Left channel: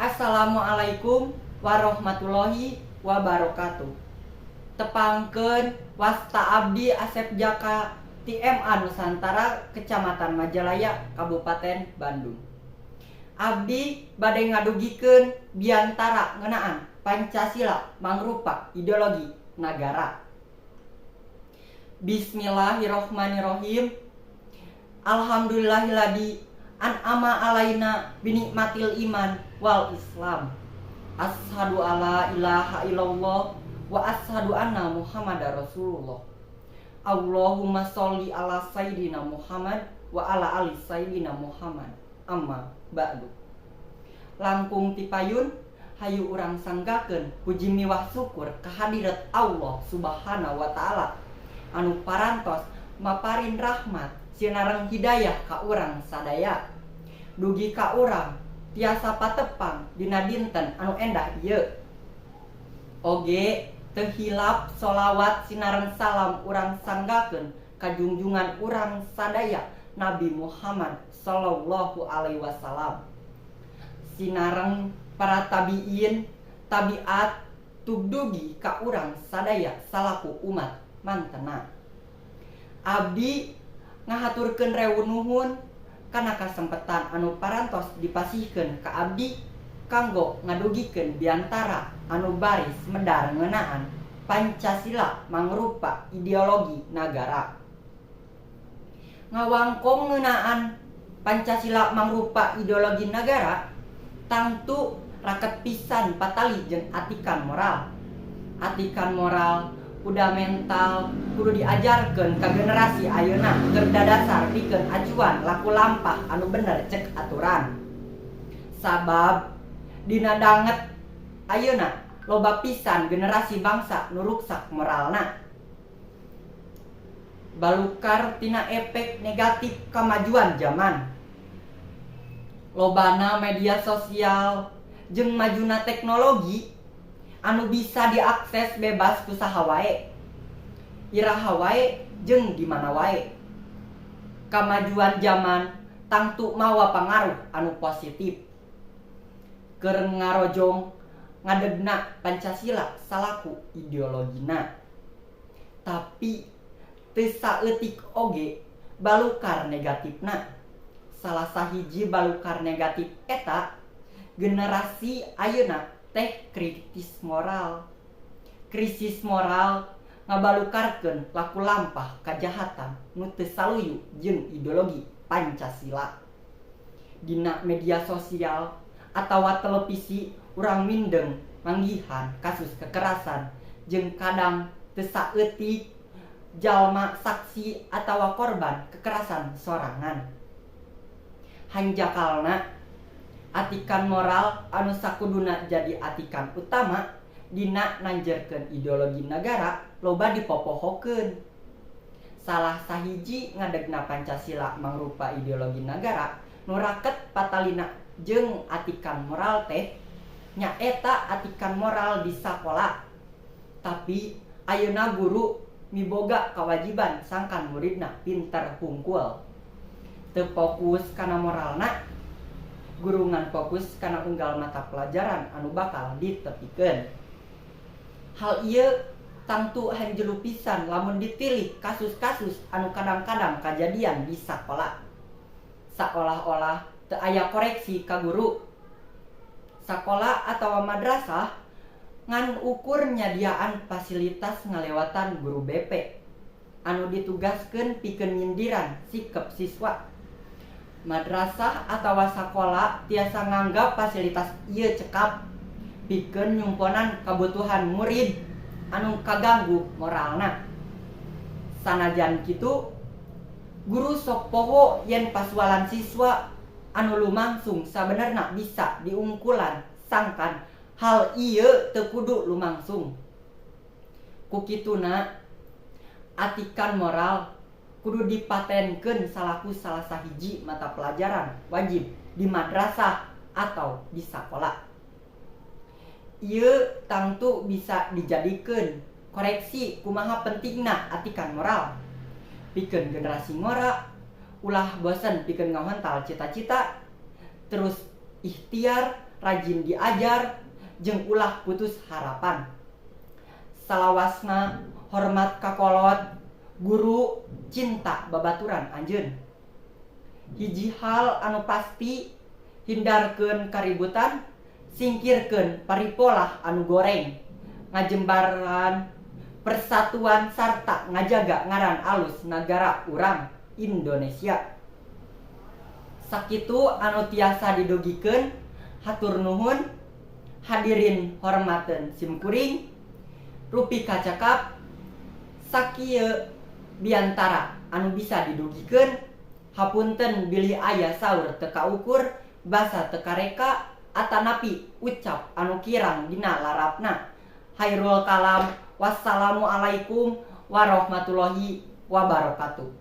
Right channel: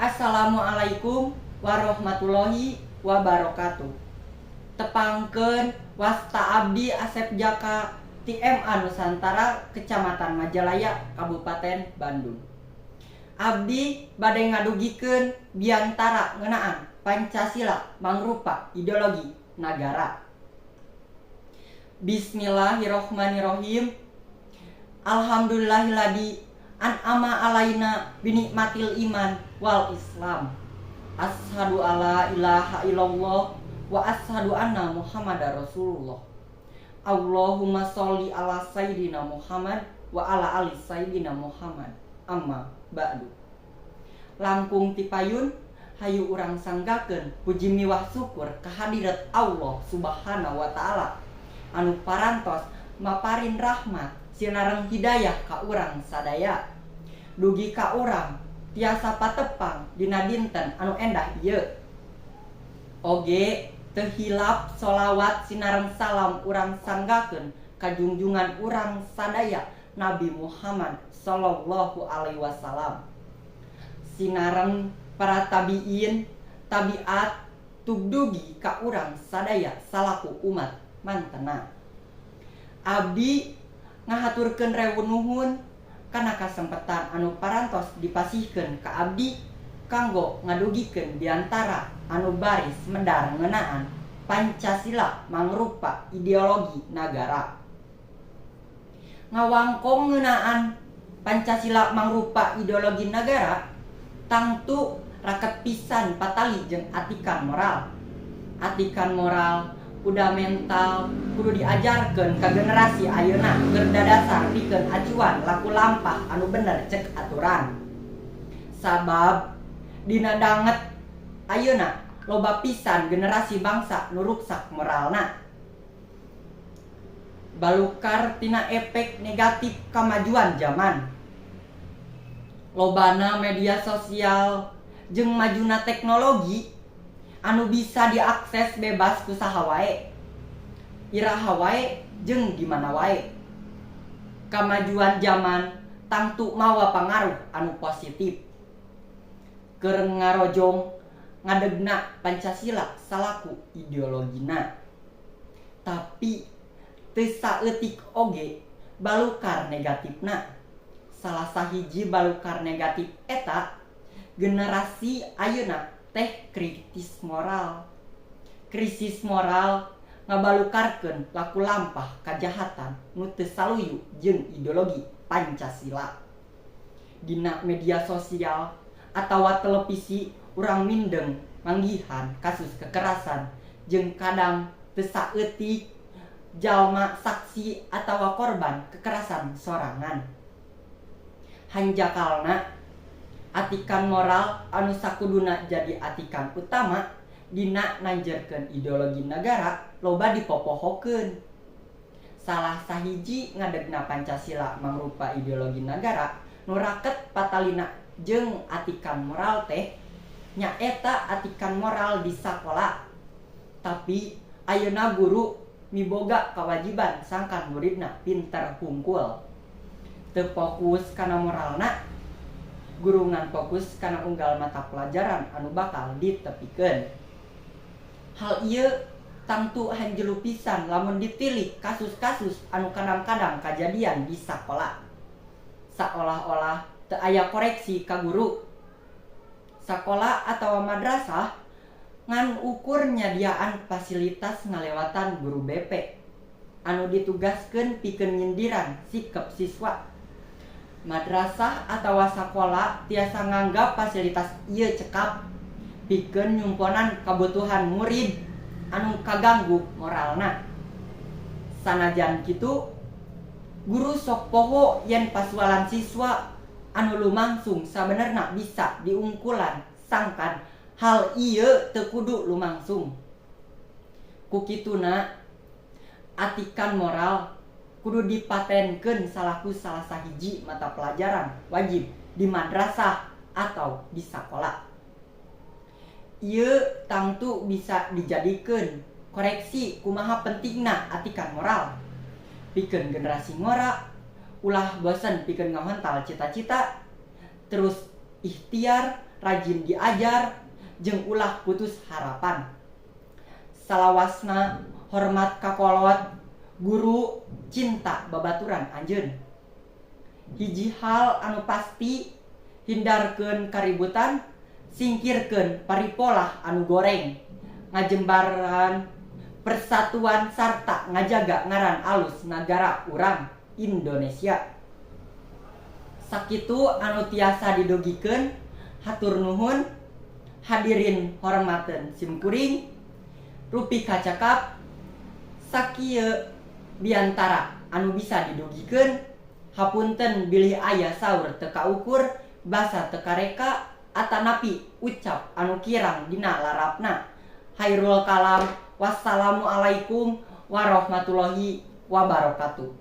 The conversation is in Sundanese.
Assalamualaikum warahmatullahi wabarakatuh. Tepangkeun wasta abdi Asep Jaka ti MA Nusantara Kecamatan Majalaya Kabupaten Bandung. Abdi bade ngadugikeun biantara ngeunaan Pancasila mangrupa ideologi nagara. Bismillahirrohmanirrohim. Alhamdulillahilladzi an'ama alaina binikmatil iman wal islam. Asyhadu alla ilaha illallah wa asyhadu anna muhammadar rasulullah. Allahumma sholli ala sayyidina Muhammad wa ala ali sayyidina Muhammad. Amma ba'du. Langkung ti payun hayu urang sanggakeun puji miwah syukur kehadirat Allah Subhanahu wa taala anu parantos maparin rahmat sinareng hidayah ka urang sadaya. Dugi ka urang tiasa patepang dina dinten anu endah ieu. Oge teu hilap sholawat sinareng salam urang sanggakeun ka junjungan urang sadaya Nabi Muhammad sallallahu alaihi wasallam. Sinareng para tabiin, tabiat tugdugi ka urang sadaya salaku umat mantena. Abdi ngahaturkeun rewu nuhun kana kasempetan anu parantos dipasihkeun ka abdi kanggo ngadugikeun biantara anu baris medar ngeunaan Pancasila mangrupa ideologi nagara. Ngawangkong ngeunaan Pancasila mangrupa ideologi nagara tangtu raket pisan patali jeung atikan moral. Atikan moral fundamental kudu diajarkeun ka generasi ayeuna keur dadasar pikeun acuan laku lampah anu bener cek aturan. Sabab dina danget ayeuna loba pisan generasi bangsa nu ruksak moralna. Balukar tina efek negatif kamajuan zaman. Lobana media sosial jeung majuna teknologi anu bisa diakses bebas ku saha wae, iraha wae jeung di mana wae. Kamajuan zaman tangtu mawa pangaruh anu positif keur ngarojong ngadegna Pancasila salaku ideologina. Tapi teu saeutik oge balukar negatifna. Salah sahiji balukar negatif eta generasi ayeuna teh kritis moral. Krisis moral ngabalukarkeun laku lampah kajahatan nu teu saluyu jeung ideologi Pancasila. Dina media sosial atawa televisi urang mindeng manggihan kasus kekerasan jeung kadang teu saeutik jalma saksi atawa korban kekerasan sorangan. Hanjakalna atikan moral anu sakuduna jadi atikan utama dina nanjerkeun ideologi nagara loba dipopohokeun. Salah sahiji ngadegna Pancasila mangrupa ideologi nagara nu raket patalina jeung atikan moral teh nyaeta atikan moral di sakola. Tapi ayeuna guru miboga kawajiban sangkan muridna pinter hungkul. Teu fokus kana moralna, guru ngan fokus kana unggal mata pelajaran anu bakal ditepikeun. Hal ieu tangtu hanjelu pisan lamun ditilih kasus-kasus anu kadang-kadang kajadian di sakola. Saolah-olah teu aya koreksi ka guru. Sakola atawa madrasah ngan ukur nyadiaan fasilitas ngalewatan guru BP anu ditugaskeun pikeun nyindiran sikep siswa. Madrasah atawa sakola tiasa nganggap fasilitas ieu cekap pikeun nyumponan kabutuhan murid anu kaganggu moralna. Sanajan kitu, guru sok poho yen pasualan siswa anu lumangsung sabenerna bisa diungkulan sangkan hal ieu teu kudu lumangsung. Ku kituna atikan moral kudu dipatenkeun salaku salah sahiji mata pelajaran wajib di madrasah atau di sakola. Ieu tangtu bisa dijadikeun koreksi kumaha pentingna atikan moral. Pikeun generasi ngora ulah bosen pikeun ngahontal cita-cita terus ikhtiar rajin diajar jeung ulah putus harapan. Salawasna hormat kakolot, guru cinta babaturan anjeun. Hiji hal anu pasti, hindarkeun kaributan, singkirkeun paripolah anu goreng, ngajembaran persatuan sarta ngajaga ngaran alus nagara urang Indonesia. Sakitu anu tiasa didogikeun, hatur nuhun. Hadirin hormateun simkuring, rupi kacakap sakieu diantara anu bisa didogikeun. Hapunten bilih aya saur teu kaukur, basa teu kareka, atanapi ucap anu kirang dina larapna. Hairul kalam. Wassalamualaikum warahmatullahi wabarakatuh.